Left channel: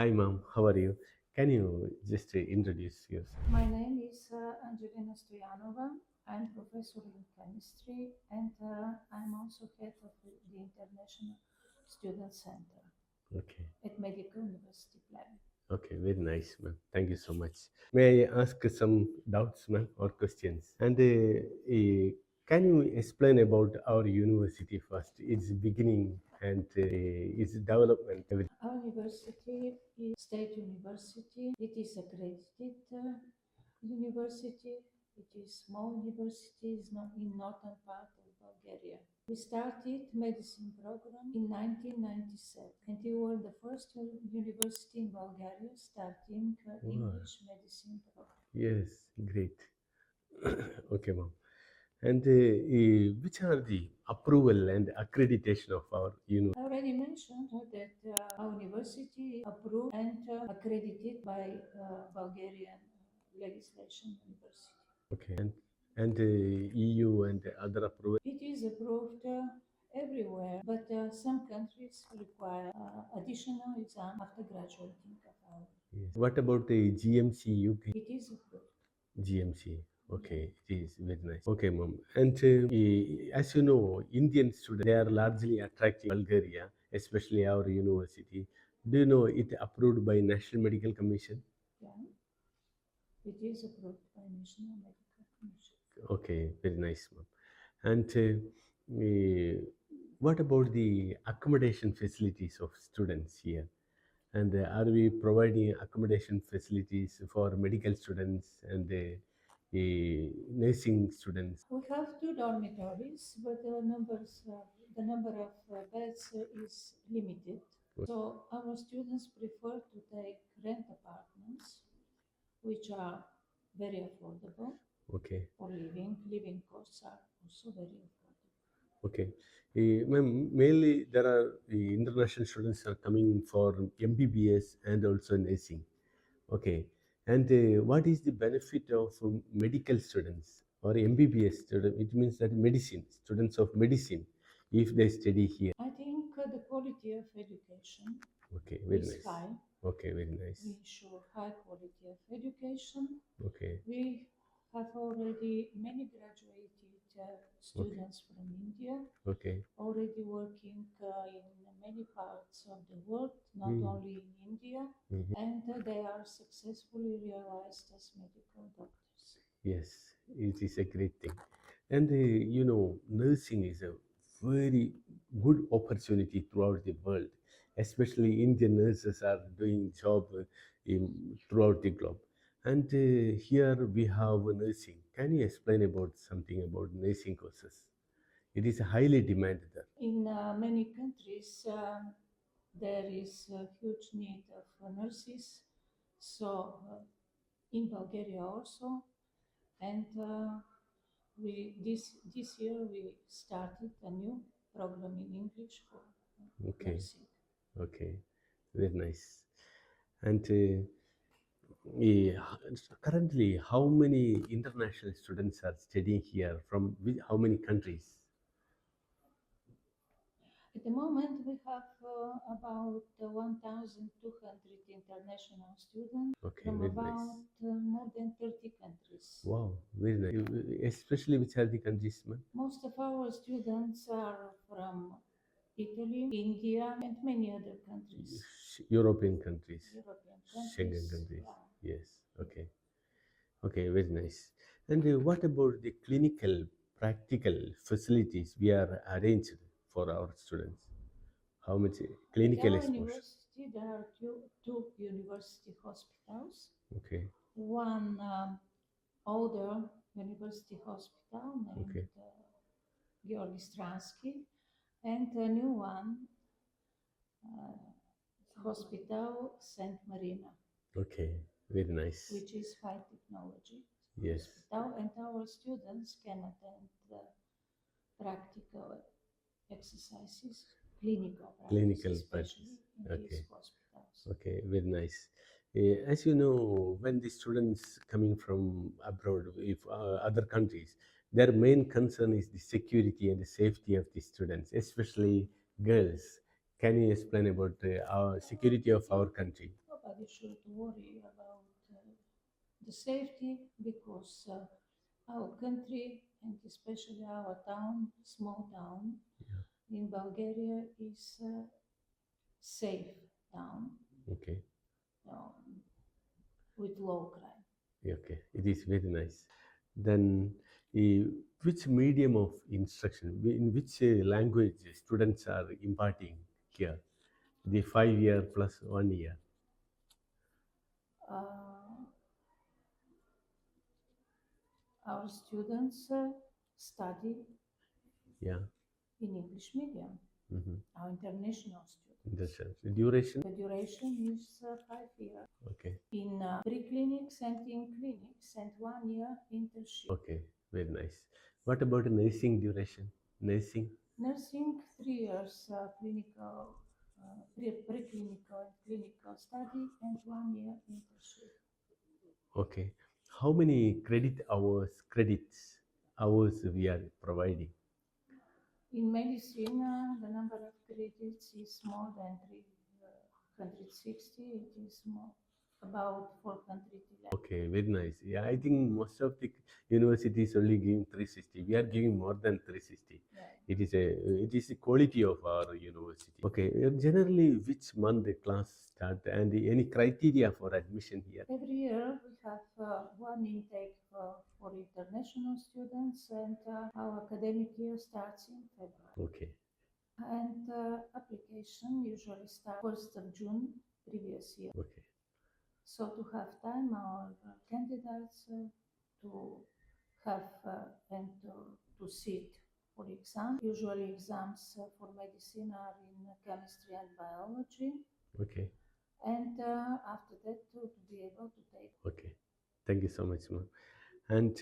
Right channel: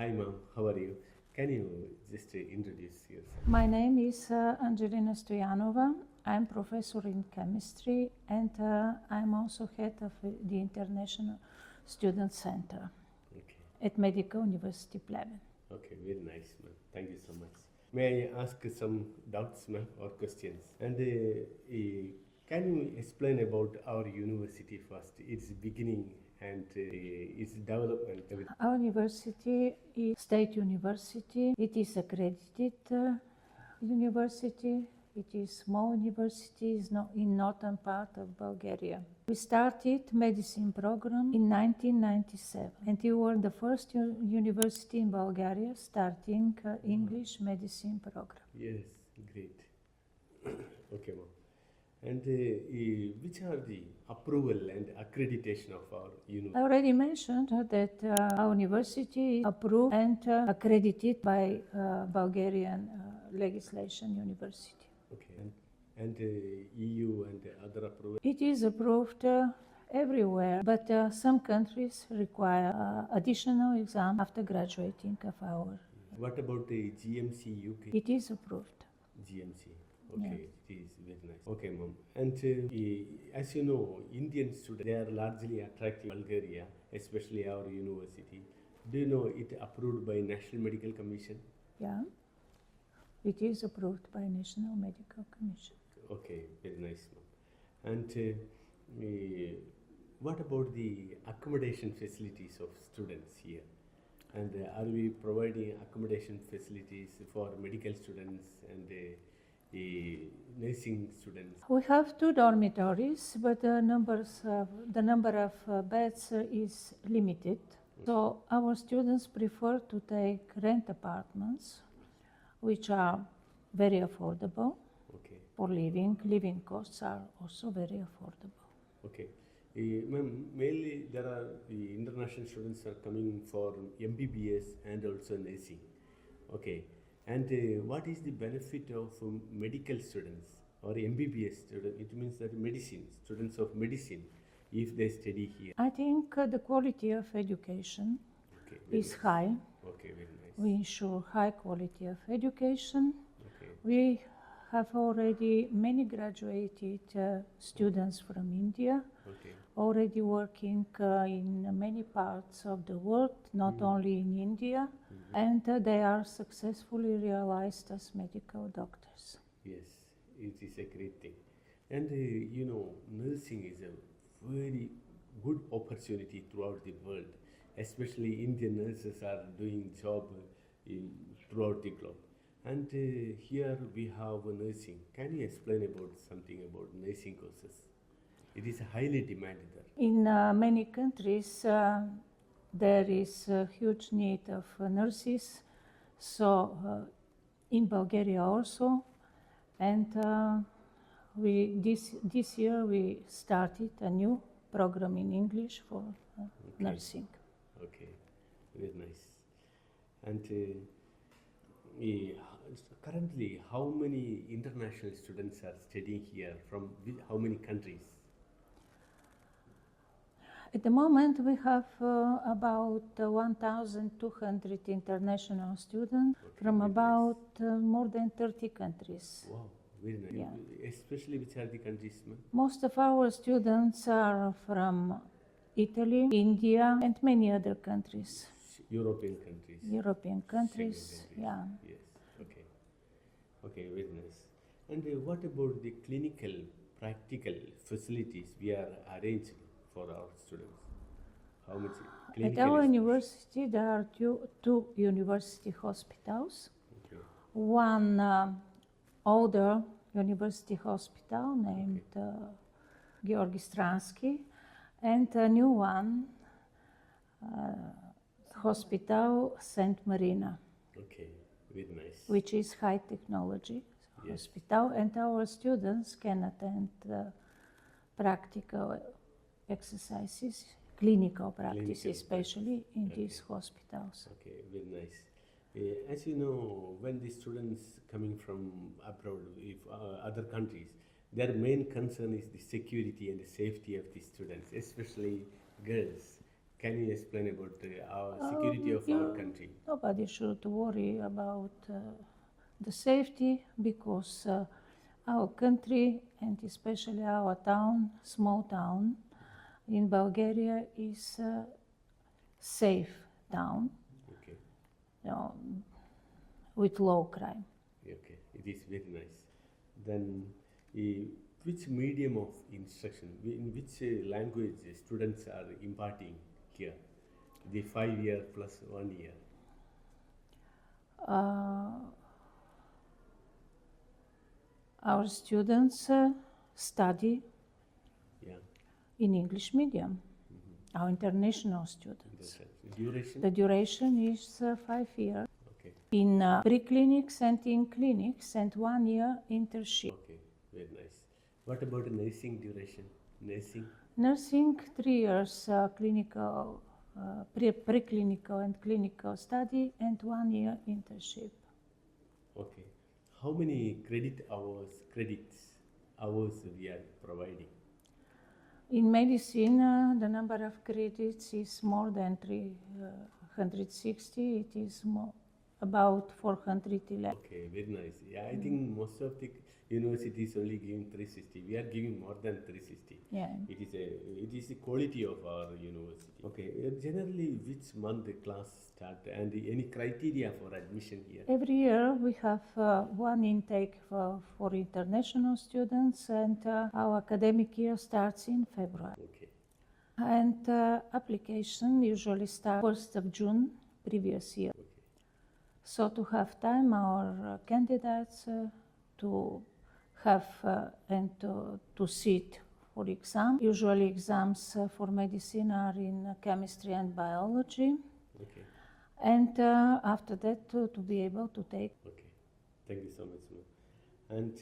Hi, ma'am. How are you? Can you just introduce yourself? My name is Angelina Stoyanova. I'm professor in chemistry and I'm also head of the International Student Center Okay. at Medical University Pleven. Okay. Very nice, ma'am. Thank you so much. May I ask some doubts, ma'am, or questions? And can you explain about our university first, its beginning and its development? Our university is state university. It is accredited university. It is small university in northern part of Bulgaria. We started medicine program in 1997 and we were the first university in Bulgaria starting English medicine program. Yes, great. Okay, ma'am. And which are the approval and accreditation of our university? I already mentioned that our university is approved and accredited by Bulgarian legislation university. Okay. And EU and other approval? It is approved everywhere, but some countries require additional exam after graduating of our. Yes. What about the GMC UK? It is approved. GMC. Okay, it is very nice. Okay, ma'am. And as you know, Indian students, they are largely attracting Bulgaria, especially our university. Do you know it approved by National Medical Commission? Yeah, it is approved by National Medical Commission. Okay, very nice, ma'am. And what about the accommodation facilities of students here? And are we providing accommodation facilities for medical students and nursing students? We have two dormitories, but the number of beds is limited. So our students prefer to take rent apartments, which are very affordable. Okay. For living. Living costs are also very affordable. Okay. Ma'am, mainly there are international students are coming for MBBS and also nursing. Okay. And what is the benefit of medical students or MBBS students? It means that medicine, students of medicine, if they study here. I think the quality of education is nice. high. Okay, very nice. We ensure high quality of education. Okay. We have already many graduated students from India, already working in many parts of the world, not only in India, and they are successfully realized as medical doctors. Yes, it is a great thing. And you know, nursing is a very good opportunity throughout the world, especially Indian nurses are doing job throughout the globe. And here we have nursing. Can you explain about something about nursing courses? It is highly demanded there. In many countries, there is a huge need of nurses. So in Bulgaria also, and this year we started a new program in English for nursing. Okay, very nice. And currently, how many international students are studying here from how many countries? At the moment, we have about 1,200 international students from about more than 30 countries. Wow, very nice. Yeah. Especially which are the countries, ma'am? Most of our students are from Italy, India, and many other countries. European countries. European countries. Schengen countries. Yeah. Yes. Okay. Okay. Very nice. And what about the clinical, practical facilities we are arranged for our students? How much clinical? At our university, there are two university hospitals. Okay. One older university hospital named Georgi Stransky, and a new one. Hospital St. Marina. Okay, very nice. Which is high technology hospital, and our students can attend practical exercises, clinical practice, especially in these hospitals. Okay, very nice. As you know, when the students coming from abroad, if other countries, their main concern is the security and the safety of the students, especially girls. Can you explain about our security of our country? Nobody should worry about the safety because our country and especially our town, small town in Bulgaria is a safe town. Okay. With low crime. Okay, it is very nice. Then, which medium of instruction, in which language students are imparting here? The 5 year plus 1 year. Our students study in English medium. Our international students. The duration? The duration is 5 years. Okay. In pre-clinics and in clinics and 1 year internship. Okay, very nice. What about nursing duration? Nursing? Nursing 3 years clinical, preclinical and clinical study and 1 year internship. Okay. How many credits hours we are providing? In medicine, the number of credits is more than 360. It is about 411. Okay, very nice. Yeah, I think most of the universities only giving 360. We are giving more than 360. Yeah. It is the quality of our university. Okay, generally which month the class start and any criteria for admission here? Every year we have one intake for international students, and our academic year starts in February. Okay. And application usually starts 1st of June previous year. Okay. So to have time, our candidates to have and to sit for exam. Usually exams for medicine are in chemistry and biology. Okay. And after that to be able to take. Okay. Thank you so much, ma'am. And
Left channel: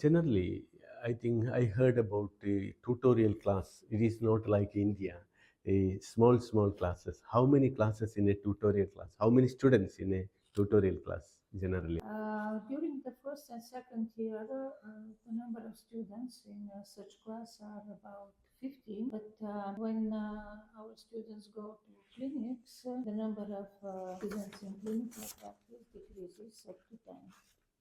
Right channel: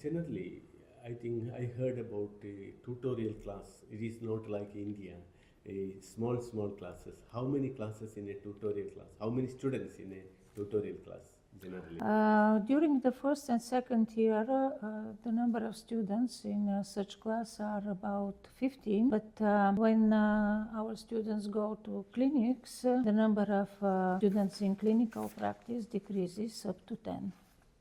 generally, I think I heard about a tutorial class. It is not like India. Small classes. How many classes in a tutorial class? How many students in a tutorial class generally? During the first and second year, the number of students in such class are about 15. But when our students go to clinics, the number of students in clinical practice decreases up to 10.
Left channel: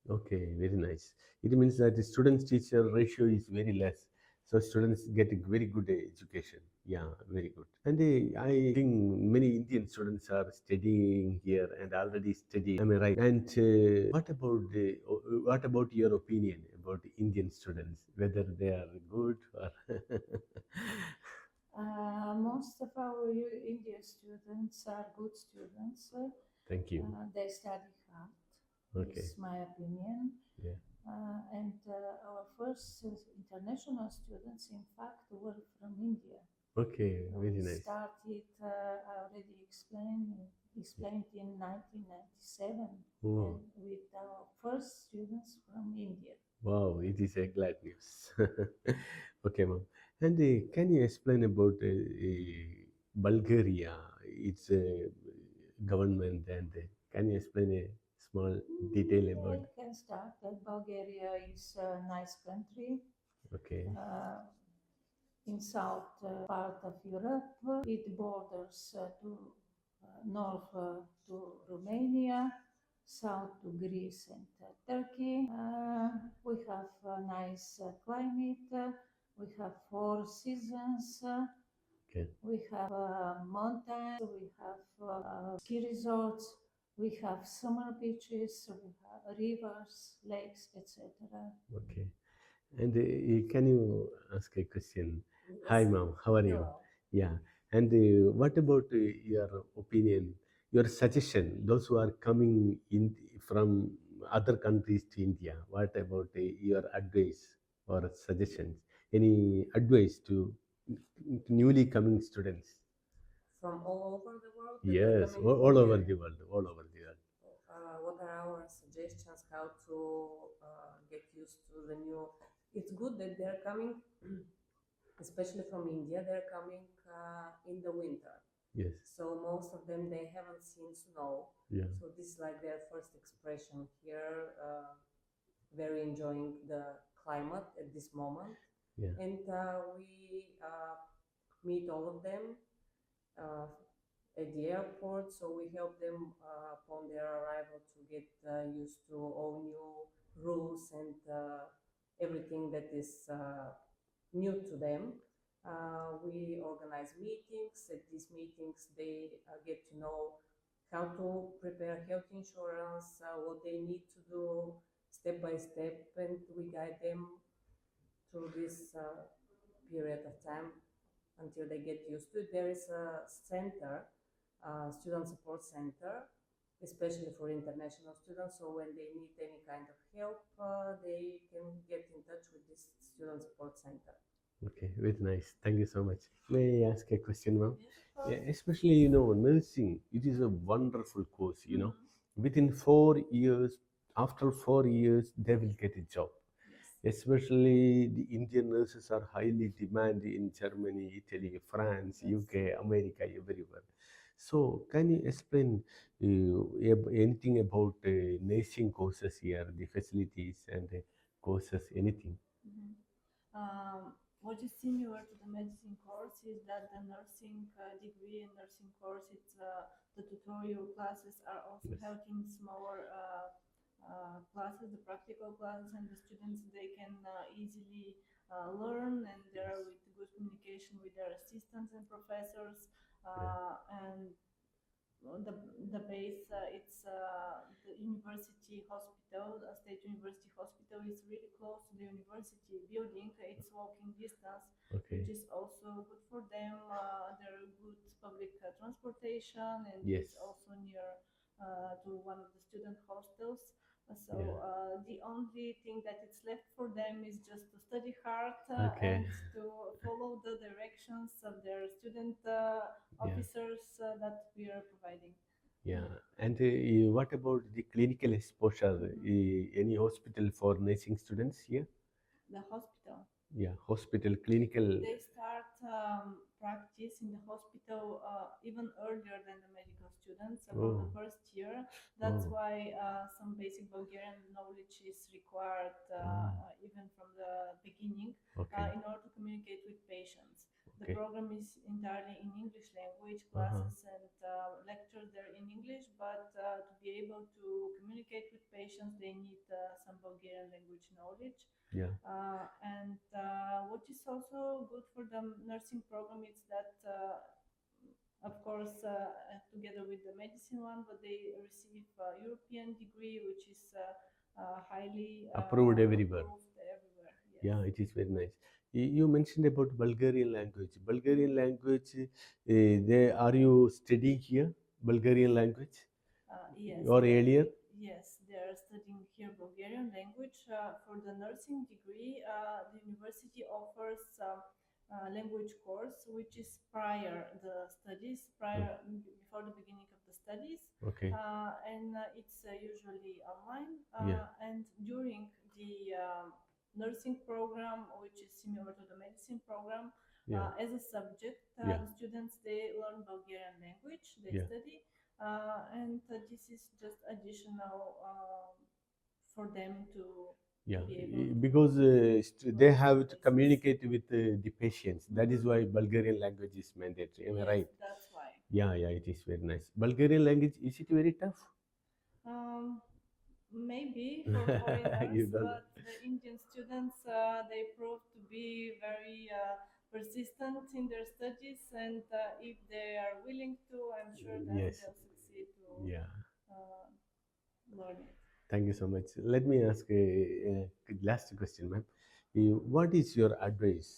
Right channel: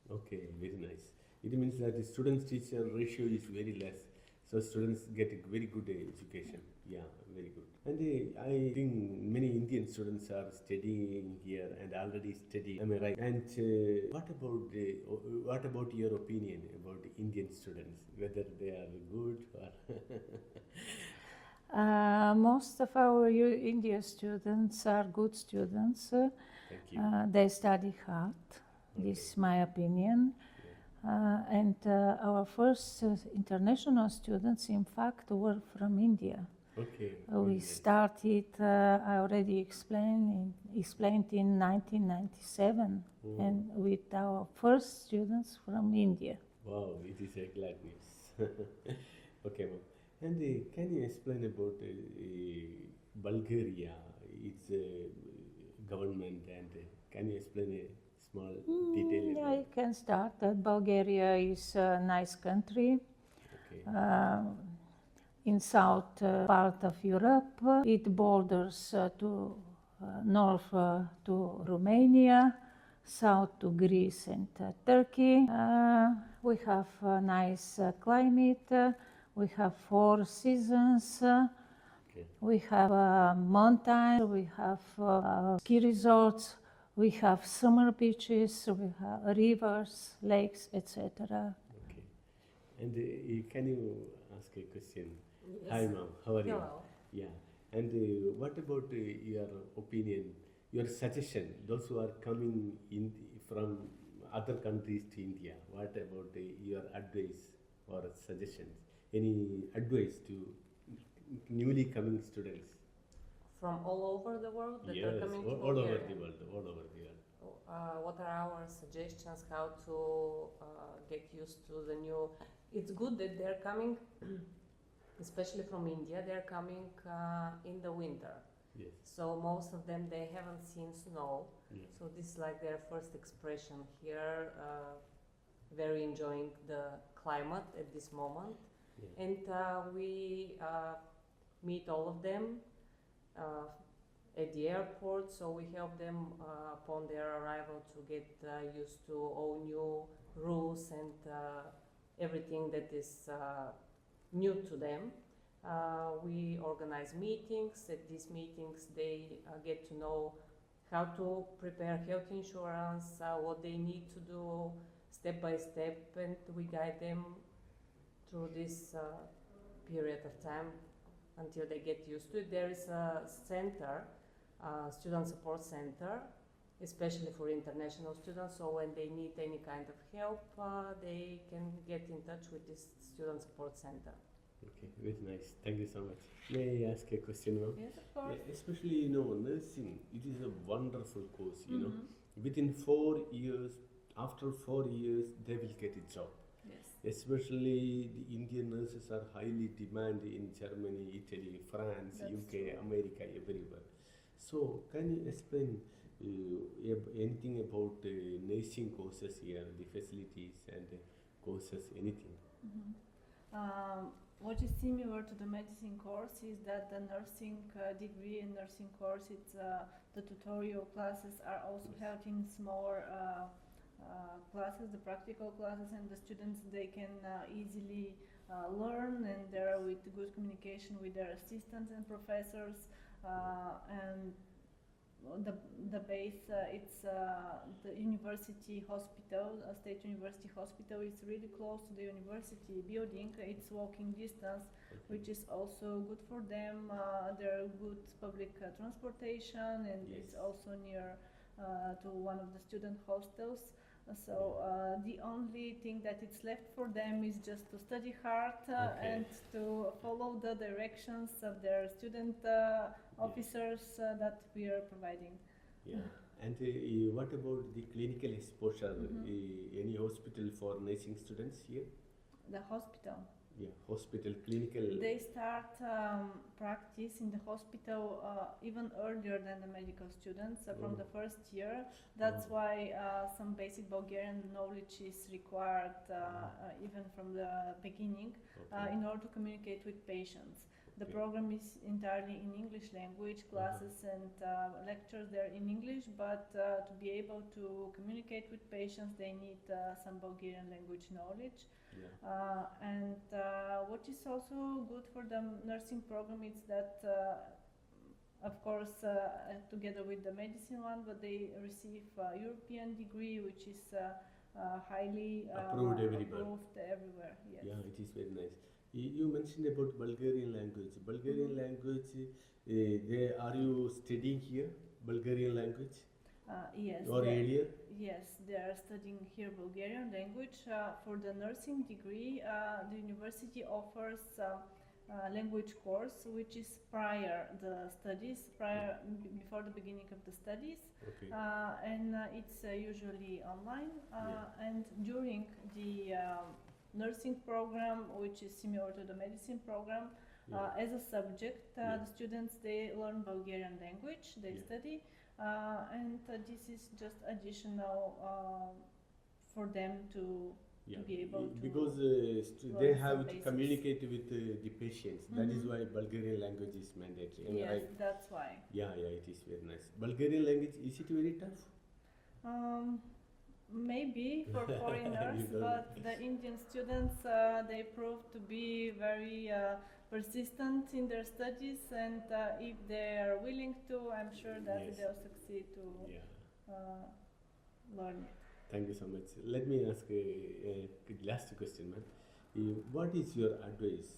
Okay, very nice. It means that the students-teacher ratio is very less. So students get a very good education. Yeah, very good. And I think many Indian students are studying here and already studying. Am I right? And what about your opinion about Indian students? Whether they are good or? Most of our Indian students are good students. Thank you. They study hard. Okay. This is my opinion. And our first international students, in fact, were from India. Okay. We nice. started, I already explained in 1997, and with our first students from India. Wow, it is a glad news. Okay, ma'am. And can you explain about Bulgaria, its government, and can you explain a small detail about? I can start that Bulgaria is a nice country. Okay. In south part of Europe, it borders to north to Romania, south to Greece and Turkey. We have a nice climate. We have 4 seasons. Okay. We have mountains. We have ski resorts. We have summer beaches. We have rivers, lakes, etc. Okay. And can you ask a question? Yes. Hi, ma'am. How are you? Hello. Yeah. And what about your opinion, your suggestion? Those who are coming in from other countries to India, what about your advice or suggestions? Any advice to newly coming students? From all over the world? Yes, all over the world, all over the world. What are our suggestions how to get used to the new? It's good that they're coming, especially from India, they're coming in the winter. Yes. So most of them, they haven't seen snow. Yeah. So this is like their first expression here. Very enjoying the climate at this moment. Yeah. And we meet all of them uh, at the airport. So we help them upon their arrival to get used to all new rules and everything that is new to them. We organize meetings. At these meetings, they get to know how to prepare health insurance, what they need to do step by step, and we guide them through this period of time until they get used to it. There is a center, student support center, especially for international students, so when they need any kind of help, they can get in touch with this student support center. Okay, very nice. Thank you so much. May I ask a question, ma'am? Yes, of course. Yeah, especially, nursing, it is a wonderful course, Within 4 years, after 4 years, they will get a job. Yes. Especially the Indian nurses are highly demanded in Germany, Italy, France, That's UK, America, everywhere. So, can you explain anything about nursing courses here, the facilities and courses, anything? What is similar to the medicine course is that the nursing degree and nursing course, the tutorial classes are also Yes. held in smaller classes, the practical classes, and the students, they can easily learn, and they're with good communication with their assistants and professors. And the base, it's the university hospital, a state university hospital. Is really close to the university building. It's walking distance, Okay. which is also good for them. There are good public transportation, and Yes. it's also near to one of the student hostels. So Yeah. the only thing that it's left for them is just to study hard Okay. and to follow the directions of their student officers that we are providing. Yeah. And what about the clinical exposure? Any hospital for nursing students here? The hospital. Yeah, hospital, clinical. They start practice in the hospital even earlier than the medical students, from the first year. That's why some basic Bulgarian knowledge is required even from the beginning Okay. in order to communicate with patients. The Okay. program is entirely in English language, classes and lectures there in English, but to be able to communicate with patients, they need some Bulgarian language knowledge. Yeah. And what is also good for the nursing program is that, of course, together with the medicine one, but they receive a European degree, which is highly Approved everywhere. Approved everywhere. Yes. Yeah, it is very nice. You mentioned about Bulgarian language. Bulgarian language, are you studying here Bulgarian language Yes. or earlier? Yes, they are studying here Bulgarian language. For the nursing degree, the university offers language course, which is prior the studies, before the beginning of the studies. Okay. And it's usually online. Yeah. And during the nursing program, which is similar to the medicine program, as a subject, the students, they learn Bulgarian language, they study. And this is just additional for them to be able to because they have to basis. communicate with the patients. That is why Bulgarian language is mandatory. Am I Yes, right? that's why. Yeah, it is very nice. Bulgarian language, is it very tough? Maybe for You foreigners, don't- but the Indian students, they prove to be very persistent in their studies, and if they are willing to, I'm sure that Yes. they'll succeed to Yeah. learn it. Thank you so much. Let me ask a last question, ma'am. What is your advice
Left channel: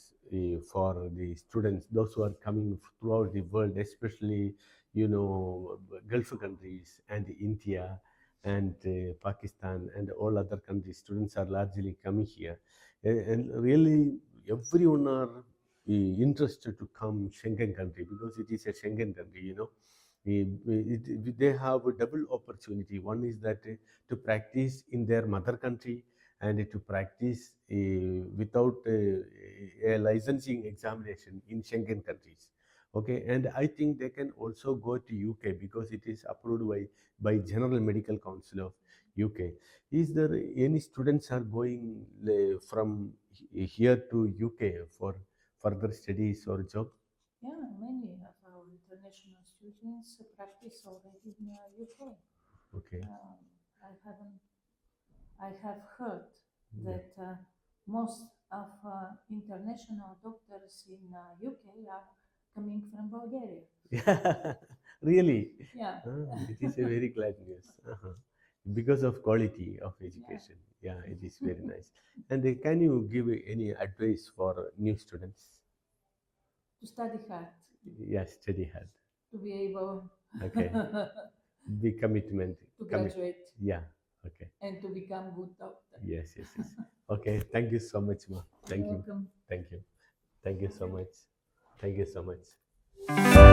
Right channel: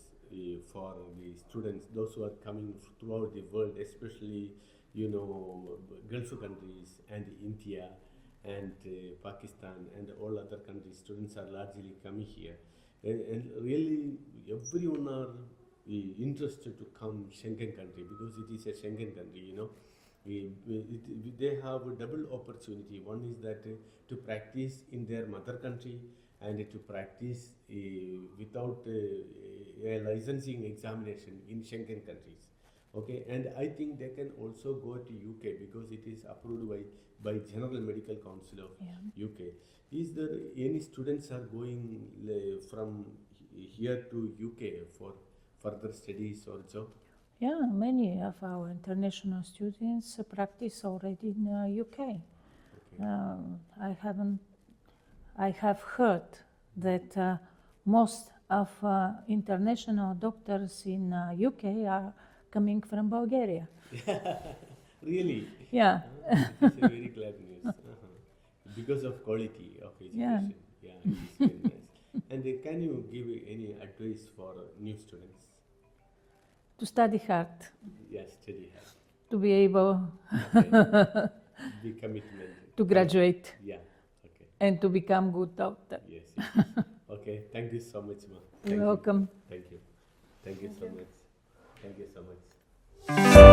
for the students, those who are coming throughout the world, especially, Gulf countries and India and Pakistan and all other countries? Students are largely coming here. And really, everyone are interested to come Schengen country because it is a Schengen country, they have a double opportunity. One is that to practice in their mother country and to practice without a licensing examination in Schengen countries. Okay, and I think they can also go to UK because it is approved by General Medical Council of UK. Is there any students are going from here to UK for further studies or job? Yeah, many of our international students practice already in UK. Okay. I have heard that most of international doctors in UK are coming from Bulgaria. Really? Yeah. It is a very glad news. Because of quality of education. Yeah, it is very nice. And can you give any advice for new students? To study hard, Yes, study hard. to be able Okay. Be commitment. to graduate Yeah. Okay. and to become good doctor. Yes. Yes. Okay. Thank you so much, ma. Thank You're welcome. you. Thank you. Thank you so much. Thank you so much.